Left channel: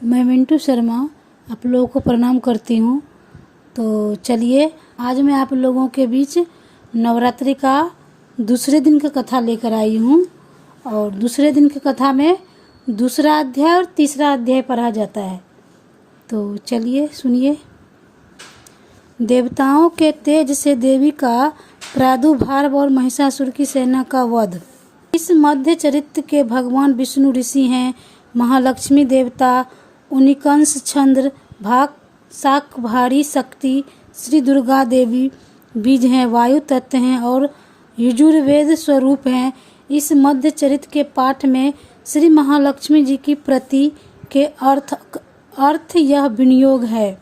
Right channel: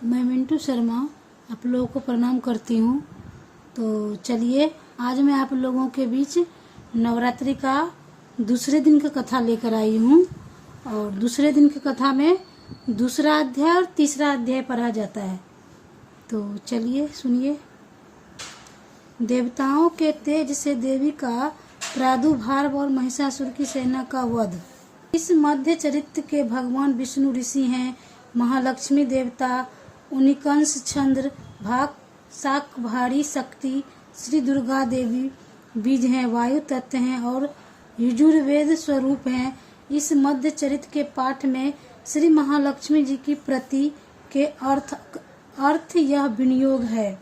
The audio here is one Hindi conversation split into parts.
मैं मिंटू शर्मा आप लोगों को प्रणाम करती हूँ। तो चलिए आज मैं आप लोगों के बीच नवरात्रि का दूसरे दिन की कथा लेकर आई हूँ। और दूसरे दिन की कथा में दूसरा अध्याय और तीसरा अध्याय पढ़ा जाता है। तो चलिए सुनिए। देवताओं के तेज से देवी का प्रादुर्भाव और महिषासुर की सेना का वध। इस मध्य चरित्र के भगवान विष्णु ऋषि हैं, महालक्ष्मी देवता, उनिकंस चंद्र, भाग शाकंभरी शक्ति, श्री दुर्गा देवी बीज हैं, वायु तत्व हैं और यजुर्वेद स्वरूप हैं। इस मध्य चरित्र के पाठ में श्री महालक्ष्मी जी की प्रति के अर्थ यह विनियोग है,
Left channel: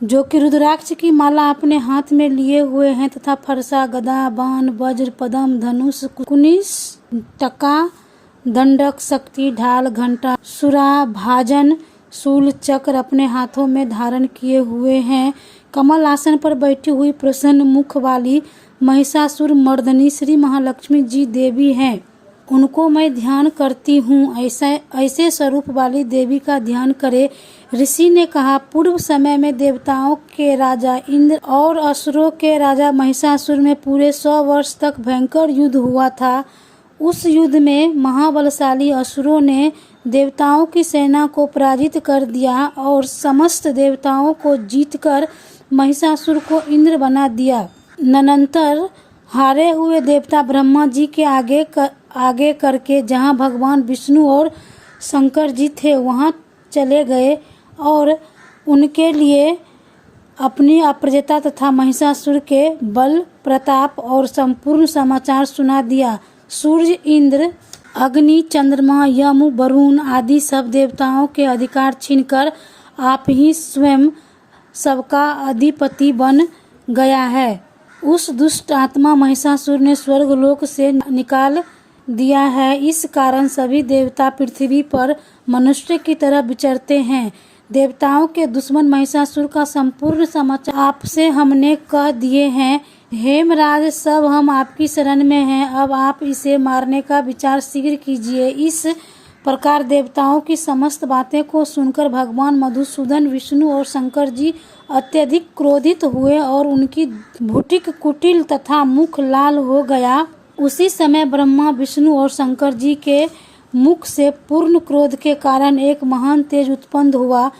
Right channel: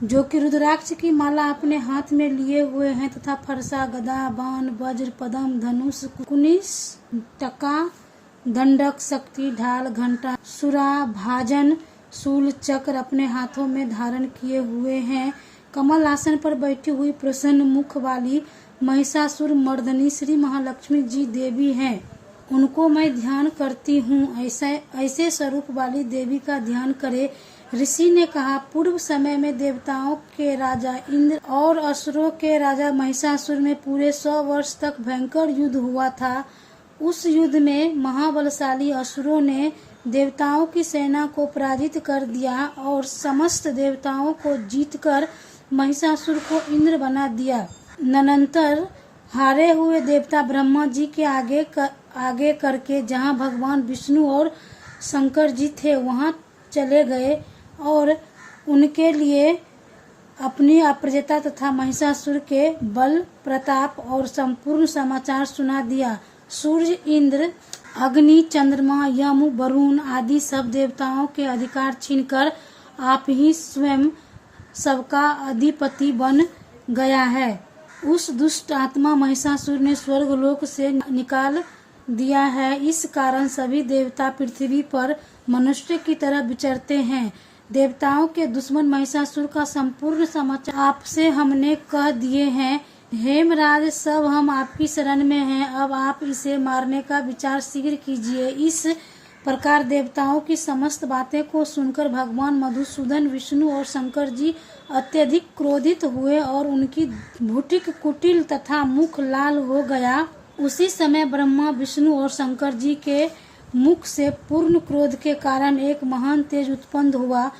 जो कि रुद्राक्ष की माला अपने हाथ में लिए हुए हैं तथा फरसा, गदा, बाण, वज्र, पद्म, धनुष, कुनिस, टका, दंडक, शक्ति, ढाल, घंटा, सुरा, भाजन, शूल, चक्र अपने हाथों में धारण किए हुए हैं। कमल आसन पर बैठी हुई प्रसन्न मुख वाली महिषासुर मर्दनी श्री महालक्ष्मी जी देवी हैं। उनको मैं ध्यान करती हूँ। ऐसे स्वरूप वाली देवी का ध्यान करे। ऋषि ने कहा, पूर्व समय में देवताओं के राजा इंद्र और असुरों के राजा महिषासुर में पूरे 100 वर्ष तक भयंकर युद्ध हुआ था। उस युद्ध में महाबलशाली असुरों ने देवताओं की सेना को पराजित कर दिया और समस्त देवताओं को जीतकर महिषासुर को इंद्र बना दिया। तदनंतर हारे हुए देवता ब्रह्मा जी के आगे करके जहाँ भगवान विष्णु और शंकर जी थे वहाँ चले गए और उनके लिए अपनी अप्रजता तथा महिषासुर के बल, प्रताप और संपूर्ण समाचार सुना दिया। सूर्य, इंद्र, अग्नि, चंद्रमा, यम, वरुण आदि सब देवताओं के अधिकार छीनकर आप ही स्वयं सबका अधिपति बन गया है। उस दुष्ट आत्मा महिषासुर ने स्वर्गलोक से निकाल दिया है। इस कारण सभी देवता पृथ्वी पर मनुष्य की तरह विचरते हैं। देवताओं के दुश्मन महिषासुर का संपूर्ण समाचार आपसे हमने कह दिए हैं। हेमराज, सब हम आपकी शरण में हैं। अब आप इसे मारने का विचार शीघ्र कीजिए। इस प्रकार देवताओं की समस्त बातें को सुनकर भगवान मधुसूदन, विष्णु और शंकर जी अत्यधिक क्रोधित हुए और उनकी भुटिक कुटिल तथा मुख लाल हो गया। उसी समय ब्रह्मा, विष्णु और शंकर जी के मुख से पूर्ण क्रोध के कारण एक महान तेज उत्पन्न हुआ।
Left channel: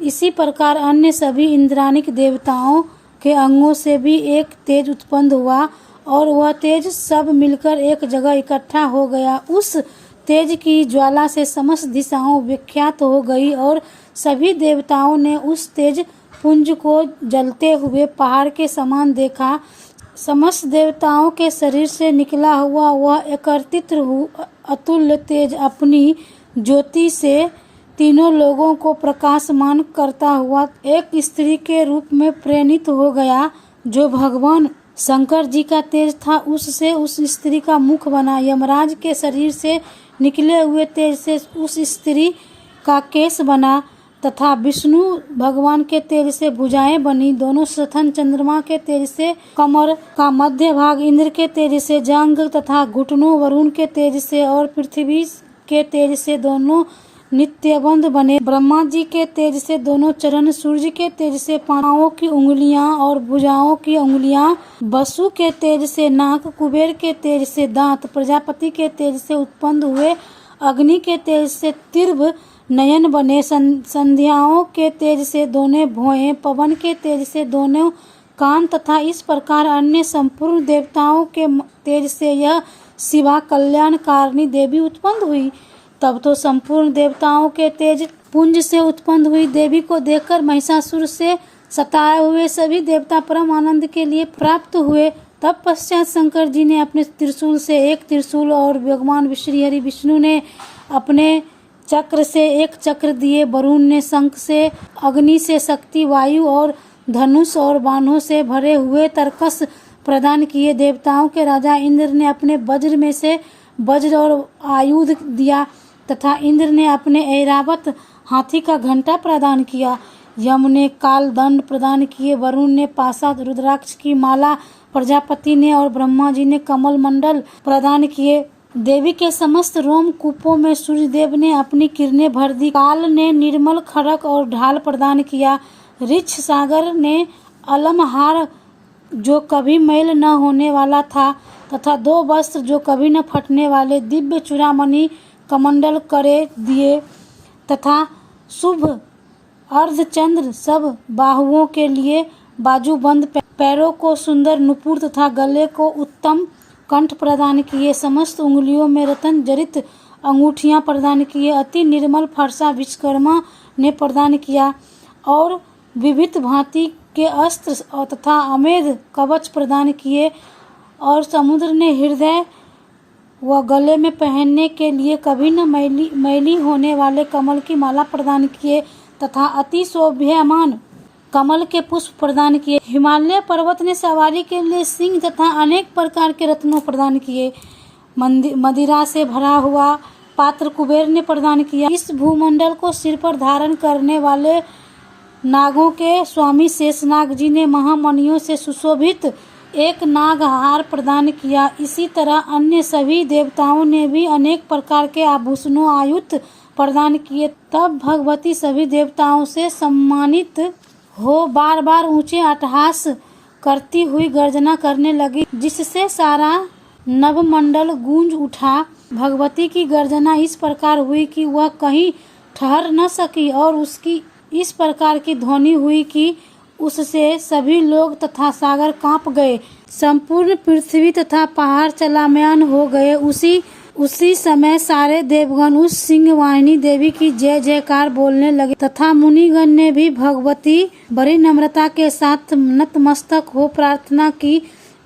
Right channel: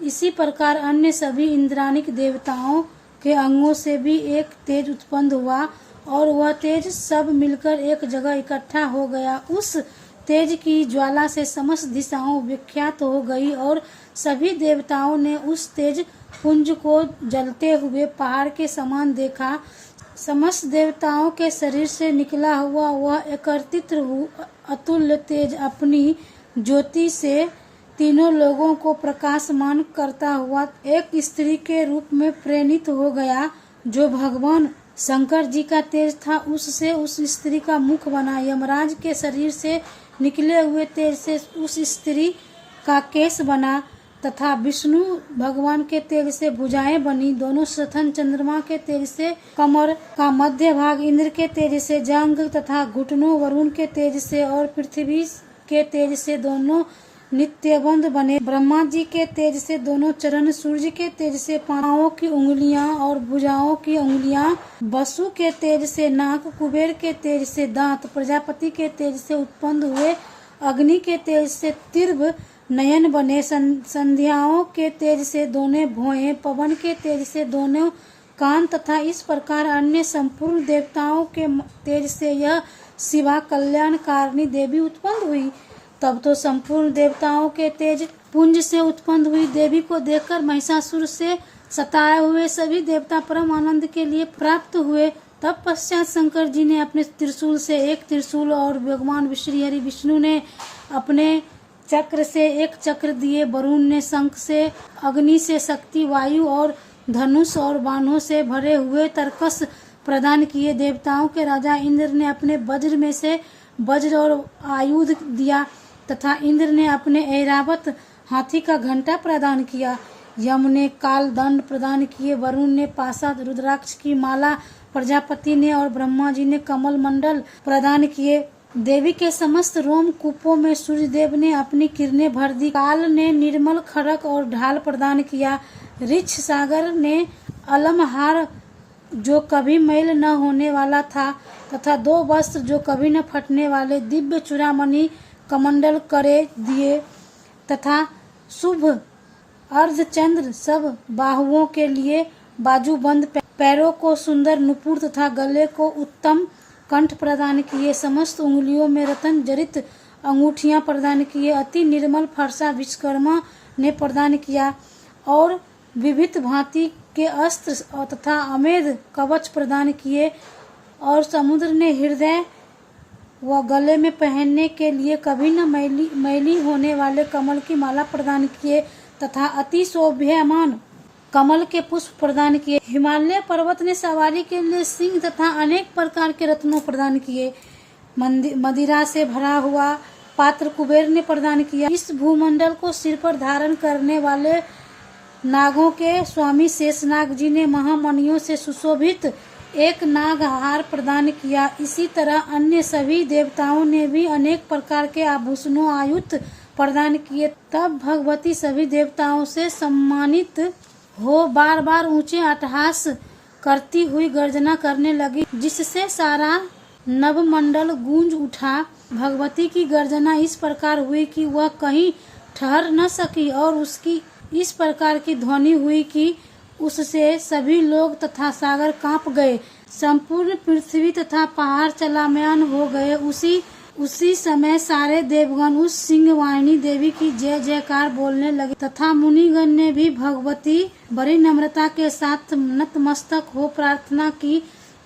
इसी प्रकार अन्य सभी इंद्रानिक देवताओं के अंगों से भी एक तेज उत्पन्न हुआ और वह तेज सब मिलकर एक जगह इकट्ठा हो गया। उस तेज की ज्वाला से समस्त दिशाओं विख्यात हो गई और सभी देवताओं ने उस तेज पुंज को जलते हुए पहाड़ के समान देखा। समस्त देवताओं के शरीर से निकला हुआ वह एकत्रित अतुल्य तेज अपनी ज्योति से तीनों लोगों को प्रकाशमान करता हुआ एक स्त्री के रूप में प्रेरित हो गया। जो भगवान शंकर जी का तेज था उससे उस स्त्री का मुख बना। यमराज के शरीर से निकले हुए तेज से उस स्त्री का केश बना तथा विष्णु भगवान के तेज से भुजाएं बनी। दोनों स्थन चंद्रमा के तेज से कमर का मध्य भाग, इंद्र के तेज से जांघ तथा घुटनों, वरुण के तेज से और पृथ्वी के तेज से दोनों नित्यबंध बने। ब्रह्मा जी के तेज से दोनों चरण, सूर्य के तेज से पांवों की उंगलियां और भुजाओं की उंगलियां, वसु के तेज से नाक, कुबेर के तेज से दांत, प्रजापति के तेज से उत्पन्न हुए, अग्नि के तेज से तीव्र नयन बने, संध्याओं के तेज से दोनों भौहें, पवन के तेज से दोनों कान तथा इस प्रकार अन्य संपूर्ण देवताओं के तेज से यह शिवा कल्याणकारिणी देवी उत्पन्न हुई। तब तो संपूर्ण देवताओं के तेज पुंज से उत्पन्न हुई देवी को देखकर महिषासुर से सताए हुए सभी देवता परम आनंद के लिए प्राप्त हुए। तब पश्चात शंकर जी ने अपने त्रिशूल से एक त्रिशूल और भगवान श्री हरि विष्णु ने अपने चक्र से एक चक्र दिए। वरुण ने शंख से, अग्नि से शक्ति, वायु और धनुष और बाणों से भरे हुए तरकस प्रदान किए। देवताओं के राजा इंद्र ने अपने वज्र में से वज्र और आयुध दिया तथा इंद्र ने अपने ऐरावत हाथी का घंटा प्रदान किया। यम ने काल दंड प्रदान किए। वरुण ने पाशा, रुद्राक्ष की माला, प्रजापति ने और ब्रह्मा जी ने कमल मंडल प्रदान किए। देवी के समस्त रोम कूपों में सूर्यदेव ने अपनी किरणें भर दी। काल ने निर्मल खड़क और ढाल प्रदान किया। ऋछ सागर ने अलमहार जो कभी मैल न होने वाला था तथा 2 वस्त्र जो कभी न फटने वाले दिव्य चूड़ामणि कमंडल करे दिए तथा शुभ अर्धचंद्र सब बाहुओं के लिए बाजूबंद, पैरों को सुंदर नुपुर तथा गले को उत्तम कंठ प्रदान किए। समस्त उंगलियों में रत्न जड़ित अंगूठियां प्रदान किए। अति निर्मल फरसा विश्वकर्मा ने प्रदान किया और विविध भांति के अस्त्र तथा अमेध कवच प्रदान किए। और समुद्र ने हृदय व गले में पहनने के लिए कभी न मैली होने वाले कमल की माला प्रदान किए तथा अति शोभ्यमान कमल के पुष्प प्रदान किए। हिमालय पर्वत ने सवारी के लिए सिंह तथा अनेक प्रकार के रत्नों प्रदान किए। मदिरा से भरा हुआ पात्र कुबेर ने प्रदान किया। इस भूमंडल को सिर पर धारण करने वाले नागों के स्वामी शेषनाग जी ने महामणियों से सुशोभित एक नाग हार प्रदान किया। इसी तरह अन्य सभी देवताओं ने भी अनेक प्रकार के आभूषणों आयुध प्रदान किए। तब भगवती सभी देवताओं से सम्मानित हो बार बार ऊंचे अट्टहास करती हुई गर्जना करने लगी, जिससे सारा नभमंडल गूंज उठा। भगवती की गर्जना इस प्रकार हुई कि वह कहीं ठहर न सकी और उसकी इस प्रकार की ध्वनि हुई कि उससे सभी लोग तथा सागर कांप गए। संपूर्ण पृथ्वी तथा पहाड़ चलामयान हो गए। उसी समय सारे देवगण उस सिंहवाहिनी देवी की जय जयकार बोलने लगे तथा मुनिगण ने भी भगवती बड़ी नम्रता के साथ नतमस्तक हो प्रार्थना की।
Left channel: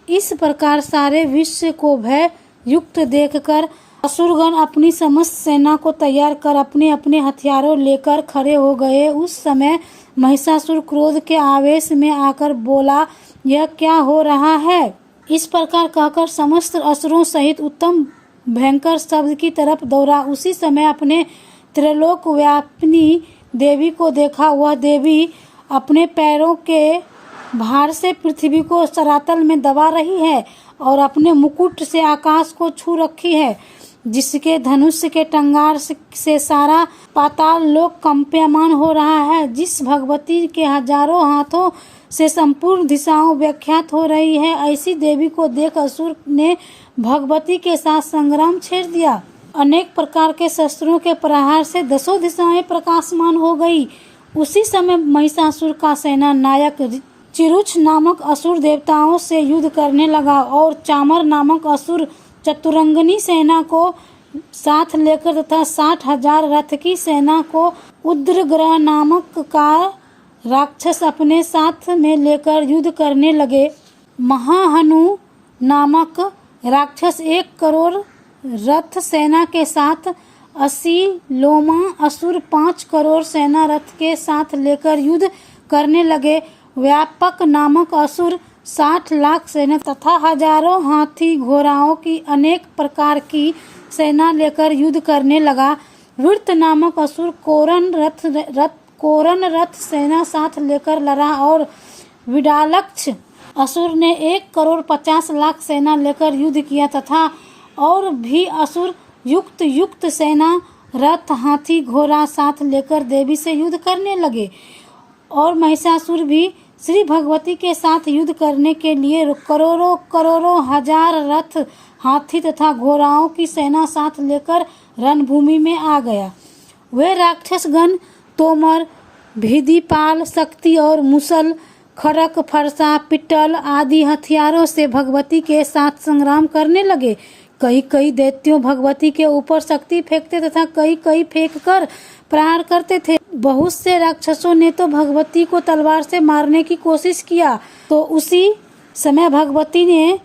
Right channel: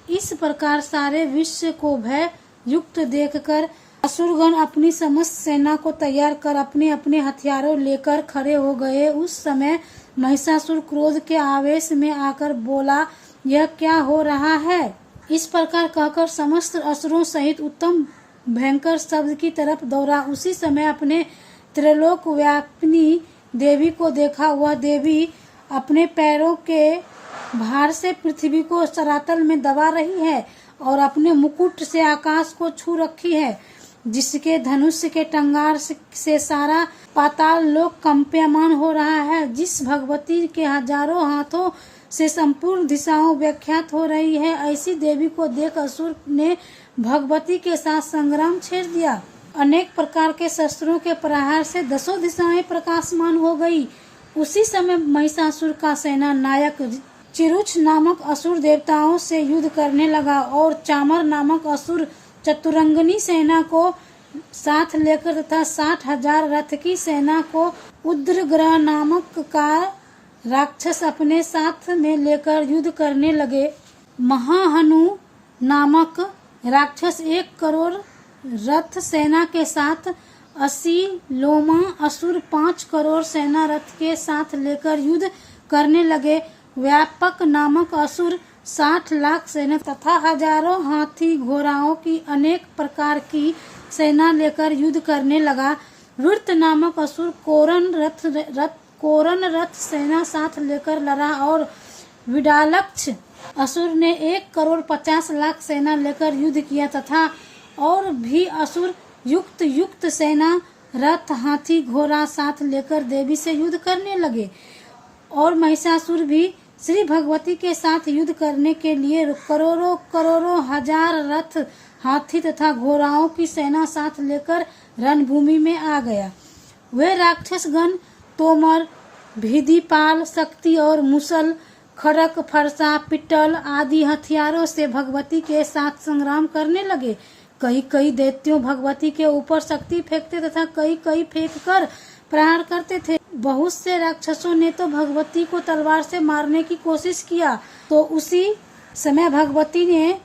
इस प्रकार सारे विश्व को भय युक्त देखकर असुरगण अपनी समस्त सेना को तैयार कर अपने अपने हथियारों लेकर खड़े हो गए। उस समय महिषासुर क्रोध के आवेश में आकर बोला, यह क्या हो रहा है? इस प्रकार कहकर समस्त असुरों सहित उत्तम भयंकर शब्द की तरफ दौड़ा। उसी समय अपने त्रिलोक व्यापिनी देवी को देखा। वह देवी अपने पैरों के भार से पृथ्वी को सरातल में दबा रही है और अपने मुकुट से आकाश को छू रखी है, जिसके धनुष के टंगार से सारा पाताल लोक कंपयमान हो रहा है। जिस भगवती के हजारों हाथों से संपूर्ण दिशाओं व्याख्यात हो रही है, ऐसी देवी को देख असुर ने भगवती के साथ संग्राम छेड़ दिया। अनेक प्रकार के शस्त्रों के प्रहार से 10 दिशाएं प्रकाशमान हो गई। उसी समय महिषासुर का सेना नायक चिरुच नामक असुर देवताओं से युद्ध करने लगा और चामर नामक असुर चतुरंगनी सेना को साथ लेकर तथा 60,000 रथ की सेना को उद्रग्रह नामक का राक्षस अपने साथ में लेकर युद्ध करने लगे। महाहनु नामक राक्षस 1 करोड़ रथ सेना के साथ 80 लोमा असुर 5 करोड़ सेना रथ के साथ लेकर युद्ध करने लगे। व्यापक नामक असुर 60 लाख सेना तथा हजारों हाथी घोड़ाओं की अनेक प्रकार की सेना लेकर युद्ध करने लगा। वृत्त नामक असुर कोरन रथ सेना साथ लेकर लड़ा और विडालक्ष असुर ने 1 करोड़ 50 लाख सेना लेकर युद्ध किया तथा और भी असुर युक्त सेना रथ हाथी घोड़ा साथ लेकर देवी से युद्ध करने लगे। और महिषासुर भी श्री भगवती के साथ युद्ध करने के लिए करोड़ों हजार रथ हाथी तथा घोड़ाओं की सेना साथ लेकर रणभूमि में आ गया। वे राक्षसगण तोमर, भिदिपाल, शक्ति और मुसल, खड़क, फरसा, पिट्टल आदि हथियारों से भगवती के साथ संग्राम करने लगे। कई दैत्यों भगवती के ऊपर शक्ति फेंकते तथा कई फेंक कर प्रहार करते थे। बहुत से राक्षसों ने तो भगवती को तलवार से मारने की कोशिश किया। तो उसी समय भगवती ने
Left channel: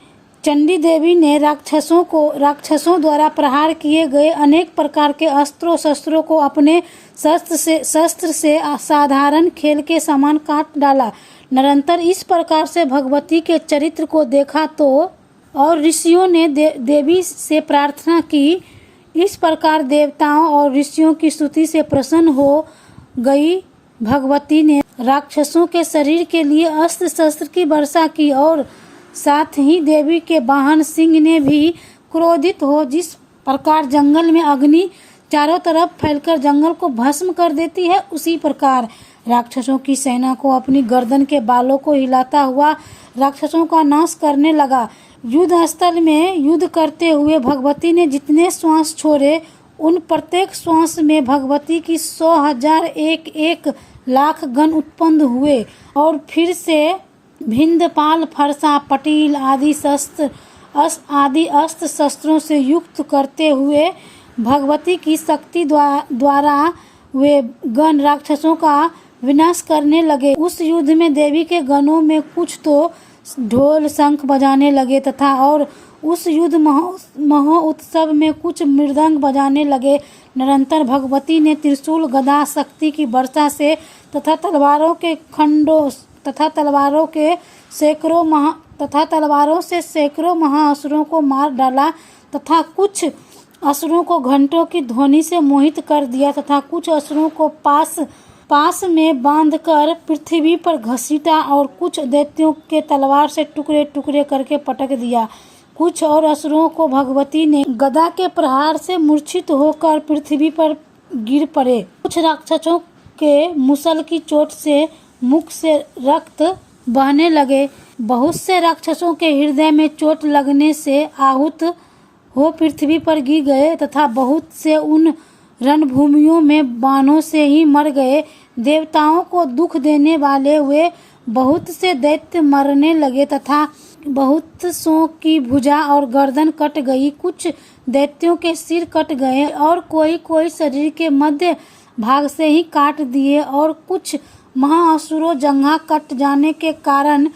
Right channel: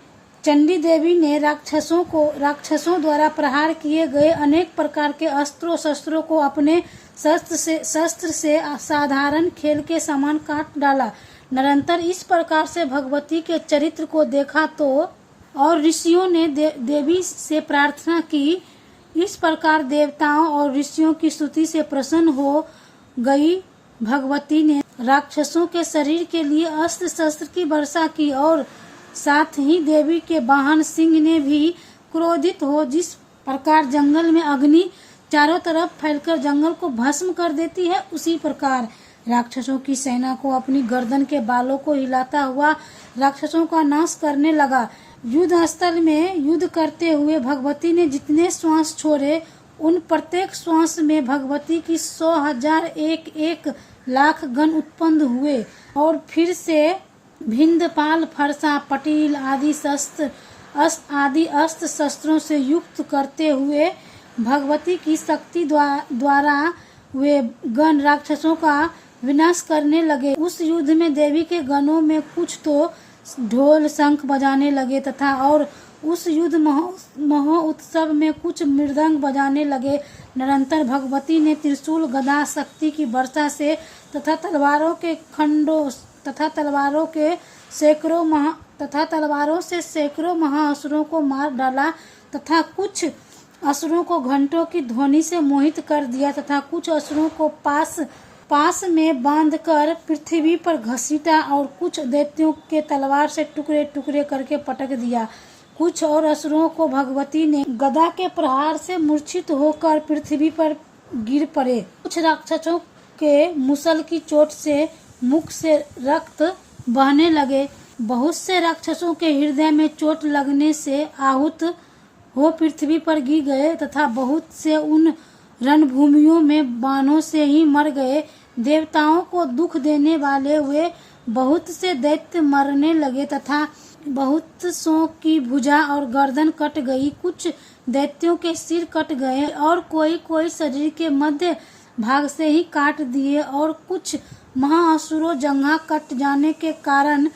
चंडी देवी ने राक्षसों द्वारा प्रहार किए गए अनेक प्रकार के अस्त्रों शस्त्रों को अपने शस्त्र से साधारण खेल के समान काट डाला। निरंतर इस प्रकार से भगवती के चरित्र को देखा तो और ऋषियों ने देवी से प्रार्थना की। इस प्रकार देवताओं और ऋषियों की स्तुति से प्रसन्न हो गई भगवती ने राक्षसों के शरीर के लिए अस्त्र शस्त्र की वर्षा की और साथ ही देवी के वाहन सिंह ने भी क्रोधित हो जिस प्रकार जंगल में अग्नि चारों तरफ फैलकर जंगल को भस्म कर देती है, उसी प्रकार राक्षसों की सेना को अपनी गर्दन के बालों को हिलाता हुआ राक्षसों का नाश करने लगा। युद्ध स्थल में युद्ध करते हुए भगवती ने जितने श्वास छोड़े, उन प्रत्येक श्वास में भगवती की 100,000 एक लाख गण उत्पन्न हुए और फिर से भिंदपाल, फरसा, पटील आदि अस्त्र शस्त्रों से युक्त करते हुए भगवती की शक्ति द्वारा वे गण राक्षसों का विनाश करने लगे। उस युद्ध में देवी के गणों में कुछ तो ढोल शंख बजाने लगे तथा और उस युद्ध महोत्सव में कुछ मृदंग बजाने लगे। निरंतर भगवती ने त्रिशूल, गदा, शक्ति की वर्षा से तथा तलवारों से सैकड़ों महाअसुरों को मार डाला तथा कुछ असुरों को घंटों की ध्वनि से मोहित कर दिया तथा कुछ असुरों को पास में बांधकर पृथ्वी पर घसीटा और कुछ दैत्यों के तलवार से टुकड़े टुकड़े करके पटक दिया। कुछ और असुरों को भगवती ने गदा के प्रहार से मूर्छित होकर पृथ्वी पर गिर पड़े। कुछ राक्षसों के मुसल की चोट से मुख से रक्त बहने लगे। बहुत से राक्षसों के हृदय में चोट लगने से आहूत हो पृथ्वी पर गिर गए तथा बहुत से उन रणभूमियों में बाणों से ही मर गए। देवताओं को दुख देने वाले वे बहुत से दैत्य मरने लगे तथा बहुत सौ की भुजा और गर्दन कट गई। कुछ दैत्यों के सिर कट गए और कोई शरीर के मध्य भाग से ही काट दिए और कुछ महाअसुरों जंघा कट जाने के कारण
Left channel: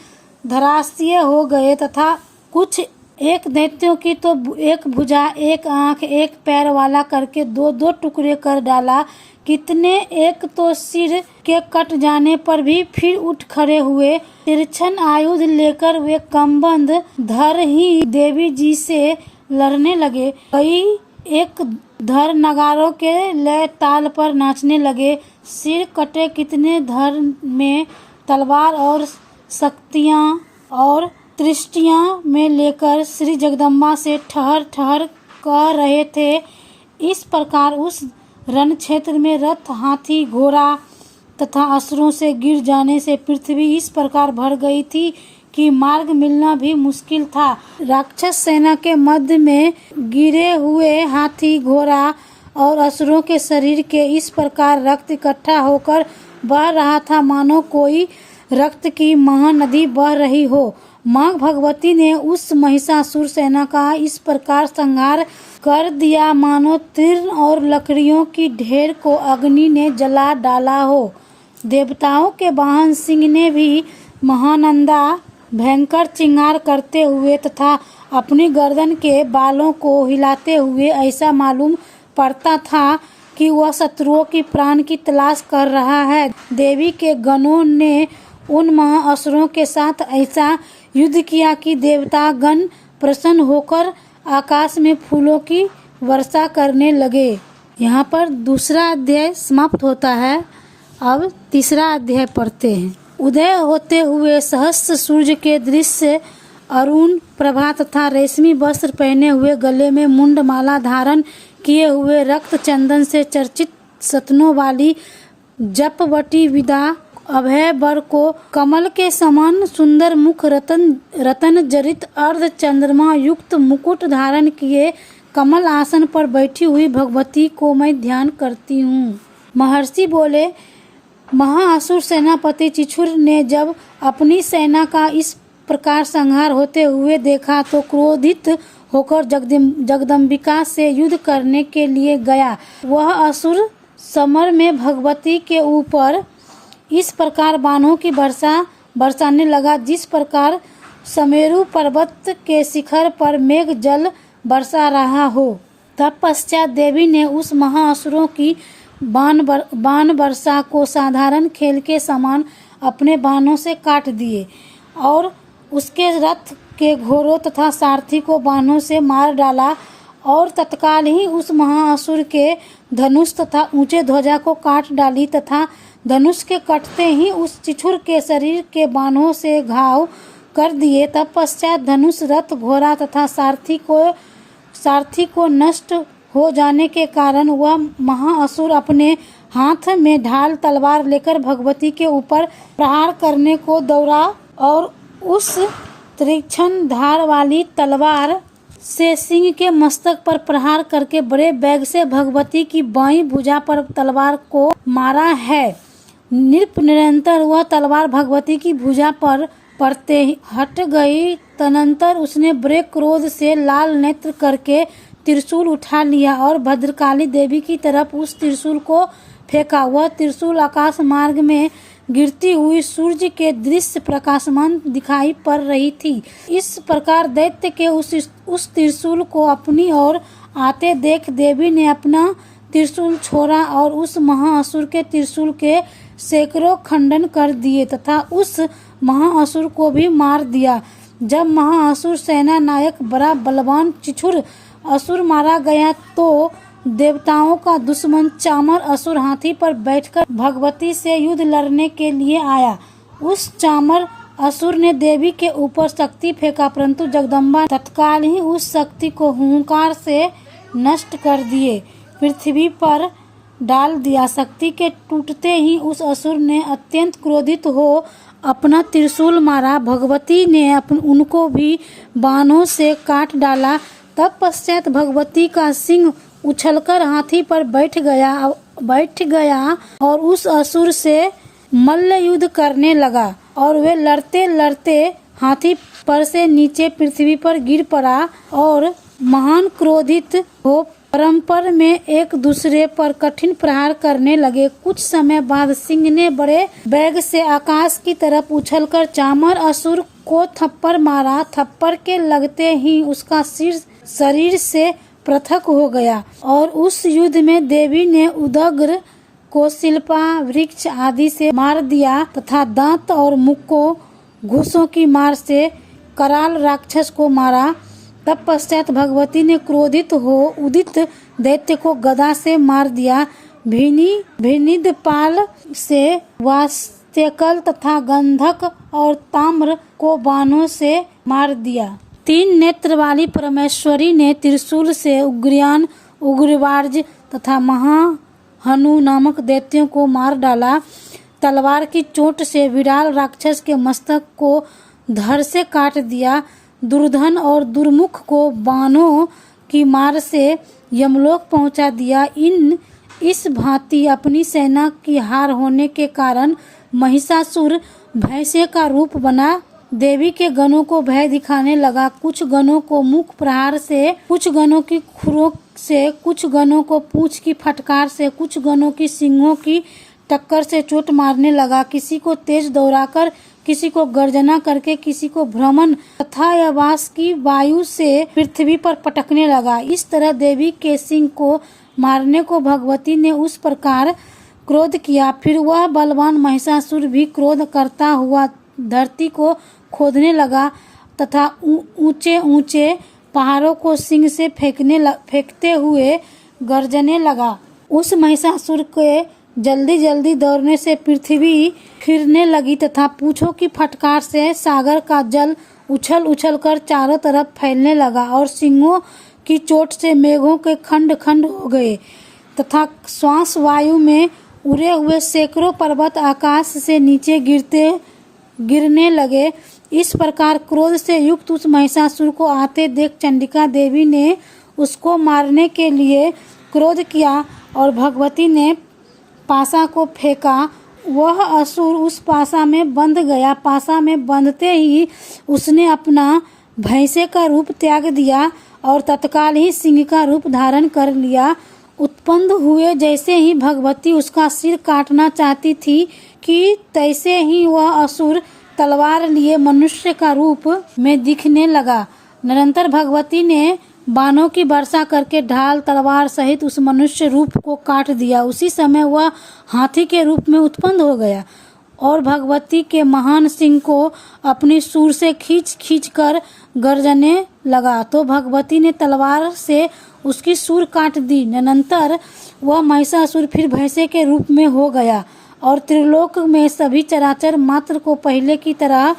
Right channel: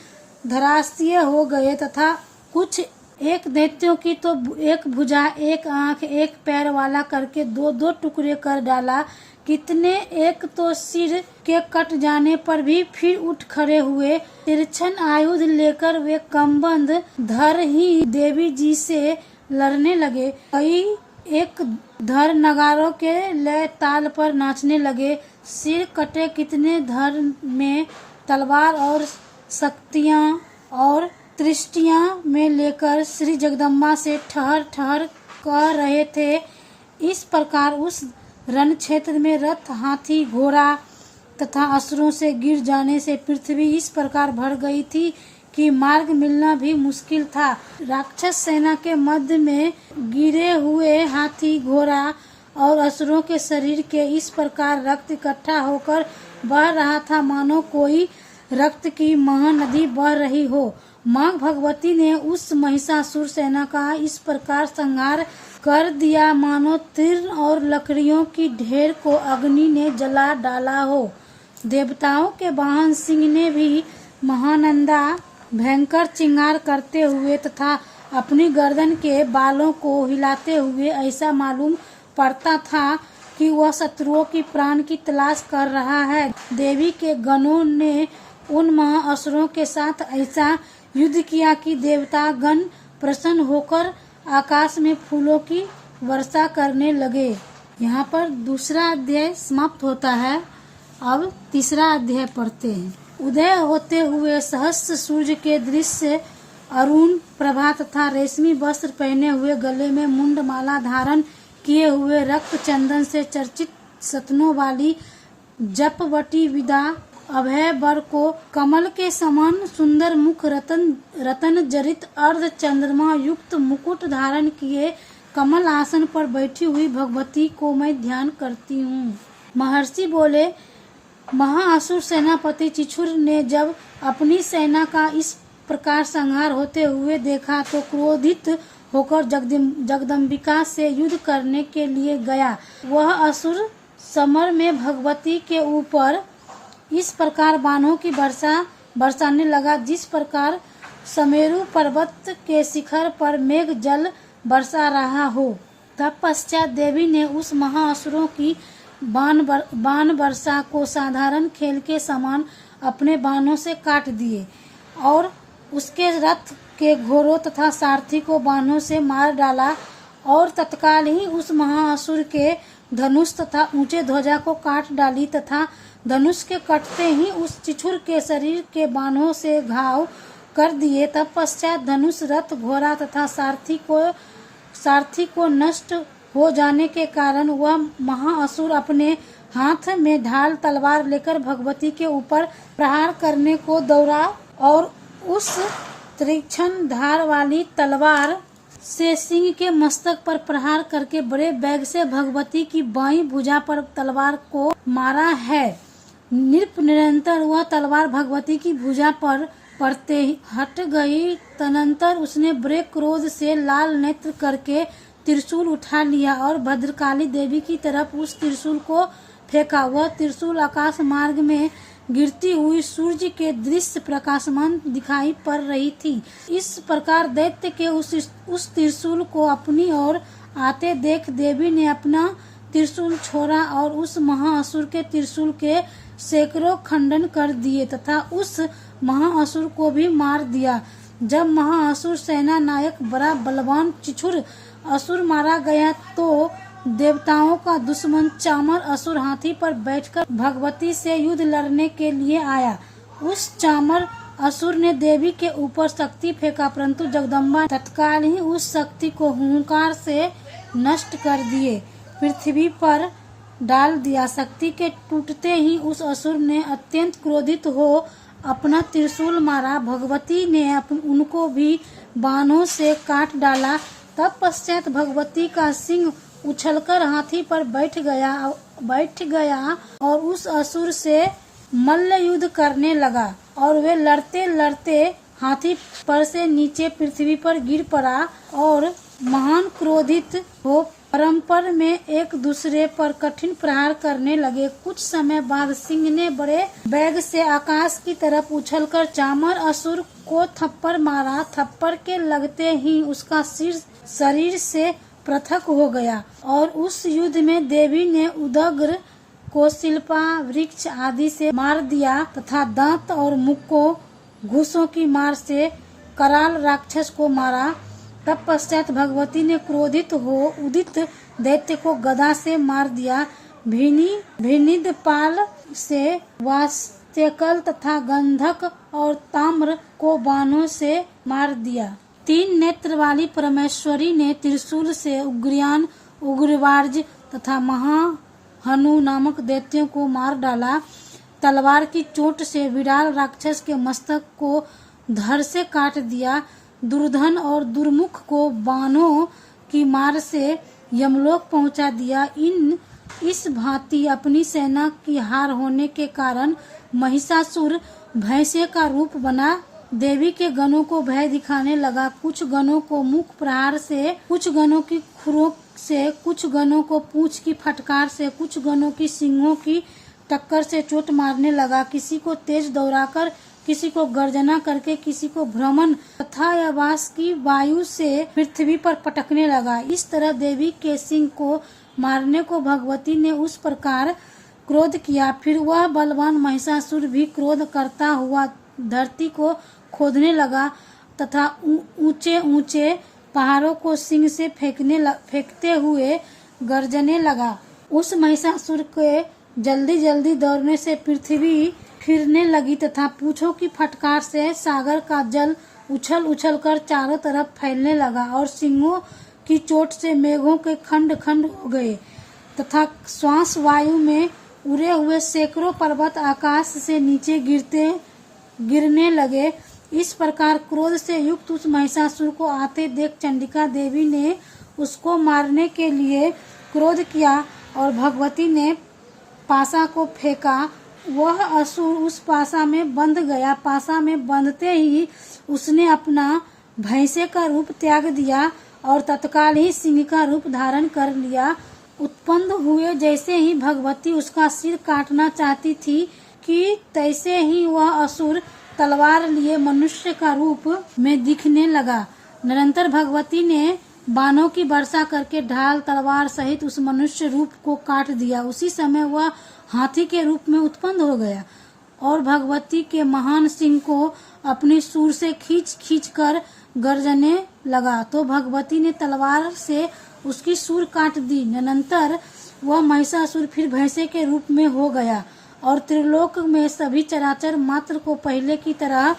धराशायी हो गए तथा कुछ एक दैत्यों की तो एक भुजा, एक आंख, एक पैर वाला करके दो दो टुकड़े कर डाला। कितने एक तो सिर के कट जाने पर भी फिर उठ खड़े हुए। तिरछन आयुध लेकर वे कमबंद धर ही देवी जी से लड़ने लगे। कई एक धर नगारों के लय ताल पर नाचने लगे। सिर कटे कितने धर में तलवार और शक्तियां और दृष्टियां में लेकर श्री जगदम्बा से ठहर ठहर कह रहे थे। इस प्रकार उस रण क्षेत्र में रथ, हाथी, घोड़ा तथा असुरों से गिर जाने से पृथ्वी इस प्रकार भर गई थी कि मार्ग मिलना भी मुश्किल था। राक्षस सेना के मध्य में गिरे हुए हाथी, घोड़ा और असुरों के शरीर के इस प्रकार रक्त इकट्ठा होकर बह रहा था मानो कोई रक्त की महानदी बह रही हो। माँ भगवती ने उस महिषासुर सेना का इस प्रकार संहार कर दिया मानो तीर्ण और लकड़ियों की ढेर को अग्नि ने जला डाला हो। देवताओं के वाहन सिंह ने भी महानंदा भयंकर चिंगार करते हुए तथा अपनी गर्दन के बालों को हिलाते हुए ऐसा मालूम पड़ता था कि वह शत्रुओं की प्राण की तलाश कर रहा है। देवी के गणों ने उन महाअसुरों के साथ ऐसा युद्ध किया कि देवता गण प्रसन्न होकर आकाश में फूलों की वर्षा करने लगे। यहाँ पर दूसरा अध्याय समाप्त होता है। अब तीसरा अध्याय पढ़ते हैं। उदय होते हुए सहस्त्र सूर्य के दृश्य, अरुण प्रभा तथा रेशमी वस्त्र पहने हुए, गले में मुंड माला धारण किए हुए, रक्त चंदन से चर्चित सतनों वाली जपवटी विदा अभय वर को कमल के समान सुंदर मुख, रतन जरित अर्ध चंद्रमा युक्त मुकुट धारण किए कमल आसन पर बैठी हुई भगवती को मैं ध्यान करती हूँ। महर्षि बोले, महाअसुर सेनापति चिछुर ने जब अपनी सेना का इस प्रकार संहार होते हुए देखा तो क्रोधित होकर जगदम्बिका से युद्ध करने के लिए गया। वह असुर समर में भगवती के ऊपर इस प्रकार बाणों की बरसाने लगा जिस प्रकार समेरु पर्वत के शिखर पर मेघ जल बरसा रहा हो। तत्पश्चात देवी ने उस महाअसुरों की बाण वर्षा को साधारण खेल के समान अपने बाणों से काट दिए और उसके रथ के घोड़ों तथा सारथी को बाणों से मार डाला और तत्काल ही उस महाअसुर के धनुष तथा ऊंचे ध्वजा को काट डाली तथा धनुष के कटते ही उस चिछुर के शरीर के बाणों से घाव कर दिए। तब पश्चात धनुष, रथ, घोड़ा तथा सारथी को सारथी को नष्ट हो जाने के कारण वह महाअसुर अपने हाथ में ढाल तलवार लेकर भगवती के ऊपर प्रहार करने को दौड़ा और उस तीक्ष्ण धार वाली तलवार से सिंह के मस्तक पर प्रहार करके बड़े वेग से भगवती की बाईं भुजा पर तलवार को मारा है। निरंतर वह तलवार भगवती की भुजा पर पड़ते ही हट गई। तदनंतर उसने बड़े क्रोध से लाल नेत्र करके त्रिशूल उठा लिया और भद्रकाली देवी की तरफ उस त्रिशूल को फेंका। वह त्रिशूल आकाश मार्ग में गिरती हुई सूर्य के दृश्य प्रकाशमान दिखाई पड़ रही थी। इस प्रकार दैत्य के उस त्रिशूल को अपनी ओर आते देख देवी ने अपना त्रिशूल छोड़ा और उस महाअसुर के त्रिशूल के सैकड़ों खंडन कर दिए तथा उस महाअसुर को भी मार दिया। जब महाअसुर सेना नायक बड़ा बलवान चिछुर असुर मारा गया तो देवताओं का दुश्मन चामर असुर हाथी पर बैठकर भगवती से युद्ध लड़ने के लिए आया। उस चामर असुर ने देवी के ऊपर शक्ति फेंका, परंतु जगदम्बा तत्काल ही उस शक्ति को हुंकार से नष्ट कर दिए, पृथ्वी पर डाल दिया। शक्ति के टूटते ही उस असुर ने अत्यंत क्रोधित हो अपना त्रिशूल मारा। भगवती ने उनको भी बाणों से काट डाला। तब पश्चात भगवती का सिंह उछलकर हाथी पर बैठ गया और उस असुर से मल्ल युद्ध करने लगा और वे लड़ते लड़ते हाथी पर से नीचे पृथ्वी पर गिर पड़ा और महान क्रोधित हो परस्पर में एक दूसरे पर कठिन प्रहार करने लगे। कुछ समय बाद सिंह ने बड़े वेग से आकाश की तरफ उछलकर चामर असुर को थप्पड़ मारा। थप्पड़ के लगते ही उसका सिर शरीर से पृथक हो गया और उस युद्ध में देवी ने उदग्र को शिल्पा वृक्ष आदि से मार दिया तथा दांत और मुख को घूसों की मार से कराल राक्षस को मारा। तब पश्चात भगवती ने क्रोधित हो उदित दैत्य को गदा से मार दिया। भिनिद पाल से वास्तेकल तथा गंधक और ताम्र को बाणों से मार दिया। 3 नेत्र वाली परमेश्वरी ने त्रिशूल से उग्रयान, उग्रवार्ज तथा महाहनु नामक दैत्यों को मार डाला। तलवार की चोट से विराल राक्षस के मस्तक को धड़ से काट दिया। दुर्धन और दुर्मुख को बाणों की मार से यमलोक पहुंचा दिया। इस भांति अपनी सेना की हार होने के कारण महिषासुर भैंसे का रूप बना देवी के गणों को भय दिखाने लगा। कुछ गणों को मुख प्रहार से, कुछ गणों की खुरों से, कुछ गणों को पूंछ की फटकार से, कुछ गणों की सिंगों की टक्कर से चोट मारने लगा। किसी को तेज दौड़ाकर, किसी को गर्जना करके, किसी को भ्रमण तथा आवास की वायु से पृथ्वी पर पटकने लगा। इस तरह देवी के सिंह को मारने को भगवती ने उस प्रकार क्रोध किया। फिर वह बलवान महिषासुर भी क्रोध करता हुआ धरती को खोदने लगा तथा ऊंचे ऊंचे पहाड़ों को सिंह से फेंकते हुए गर्जने लगा। उस महिषासुर के जल्दी जल्दी दौड़ने से पृथ्वी खिरने लगी तथा पूंछों की फटकार से सागर का जल उछल उछल कर चारों तरफ फैलने लगा और सिंहों की चोट से मेघों के खंड खंड हो गए तथा श्वास वायु में उड़े हुए सैकड़ों पर्वत आकाश से नीचे गिरने लगे। इस प्रकार क्रोध से युक्त उस महिषासुर को आते देख चंडिका देवी ने उसको मारने के लिए क्रोध किया और भगवती ने पासा को फेंका। वह असुर उस पासा में बंध गया। पासा में बंधते ही उसने अपना भैंसे का रूप त्याग दिया और तत्काल ही सिंह का रूप धारण कर लिया। उत्पन्न हुए जैसे ही भगवती उसका सिर काटना चाहती थी कि तैसे ही वह असुर तलवार लिए मनुष्य का रूप में दिखने लगा। निरंतर भगवती ने बाणों की वर्षा करके ढाल तलवार सहित उस मनुष्य रूप को काट दिया। उसी समय वह हाथी के रूप में उत्पन्न हो गया और भगवती के महान सिंह को अपनी सूर से खींच कर गर्जने लगा। तो भगवती ने तलवार से उसकी सूर काट दी। निरंतर वह महिषासुर फिर भैंसे के रूप में हो गया और त्रिलोक में सभी चराचर मात्र को पहले की तरह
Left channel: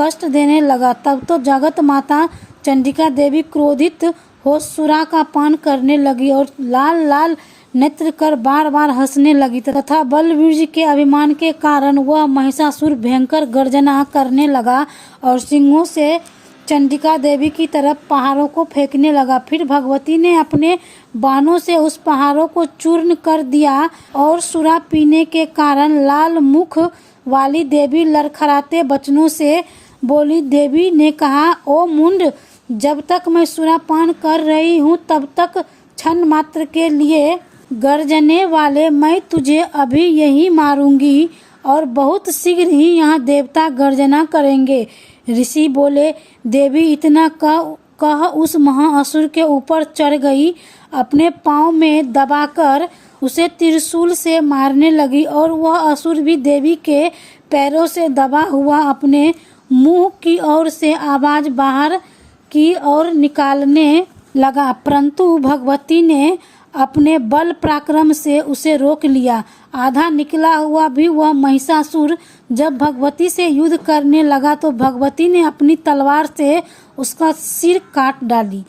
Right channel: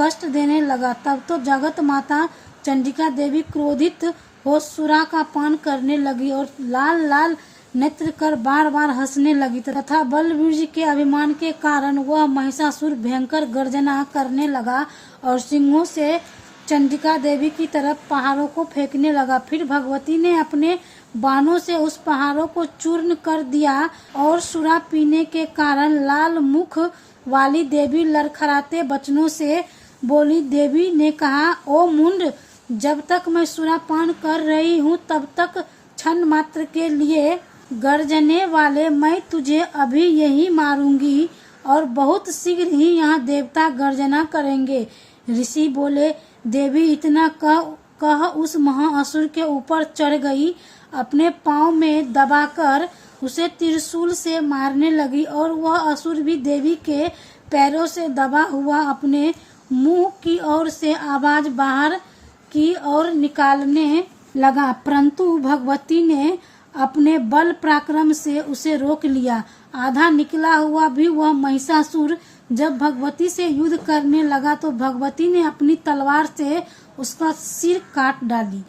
कष्ट देने लगा। तब तो जगत माता चंडिका देवी क्रोधित होशुरा का पान करने लगी और लाल लाल नेत्र कर बार बार हंसने लगी तथा बलवीर के अभिमान के कारण वह महिषासुर भयंकर गर्जना करने लगा और सिंहों से चंडिका देवी की तरफ पहाड़ों को फेंकने लगा। फिर भगवती ने अपने बाणों से उस पहाड़ों को चूर्ण कर दिया और सुरा पीने के कारण लाल मुख वाली देवी लड़खड़ाते वचनों से बोली। देवी ने कहा, ओ मुंड, जब तक मैं सुरापान कर रही हूँ तब तक क्षण मात्र के लिए गर्जने वाले मैं तुझे अभी यही मारूंगी और बहुत शीघ्र ही यहाँ देवता गर्जना करेंगे। ऋषि बोले। देवी इतना कह उस महाअसुर के ऊपर चढ़ गई, अपने पांव में दबाकर उसे त्रिशूल से मारने लगी और वह असुर भी देवी के पैरों से दबा हुआ अपने मुंह की ओर से आवाज बाहर की ओर निकालने लगा, परंतु भगवती ने अपने बल पराक्रम से उसे रोक लिया। आधा निकला हुआ भी वह महिषासुर जब भगवती से युद्ध करने लगा तो भगवती ने अपनी तलवार से उसका सिर काट डाली।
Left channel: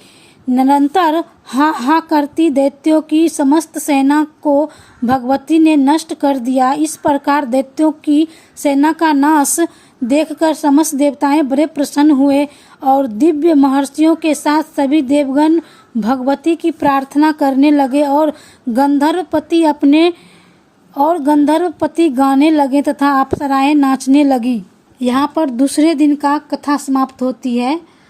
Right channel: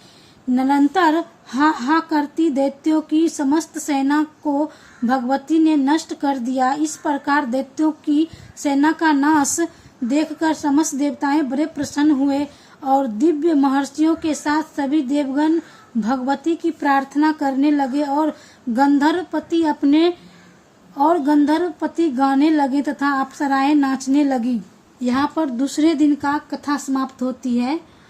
निरंतर हा हा करती दैत्यों की समस्त सेना को भगवती ने नष्ट कर दिया। इस प्रकार दैत्यों की सेना का नाश देखकर समस्त देवताएं बड़े प्रसन्न हुए और दिव्य महर्षियों के साथ सभी देवगण भगवती की प्रार्थना करने लगे और गंधर्वपति गाने लगे तथा अप्सराएं नाचने लगी। यहाँ पर दूसरे दिन का कथा समाप्त होती है।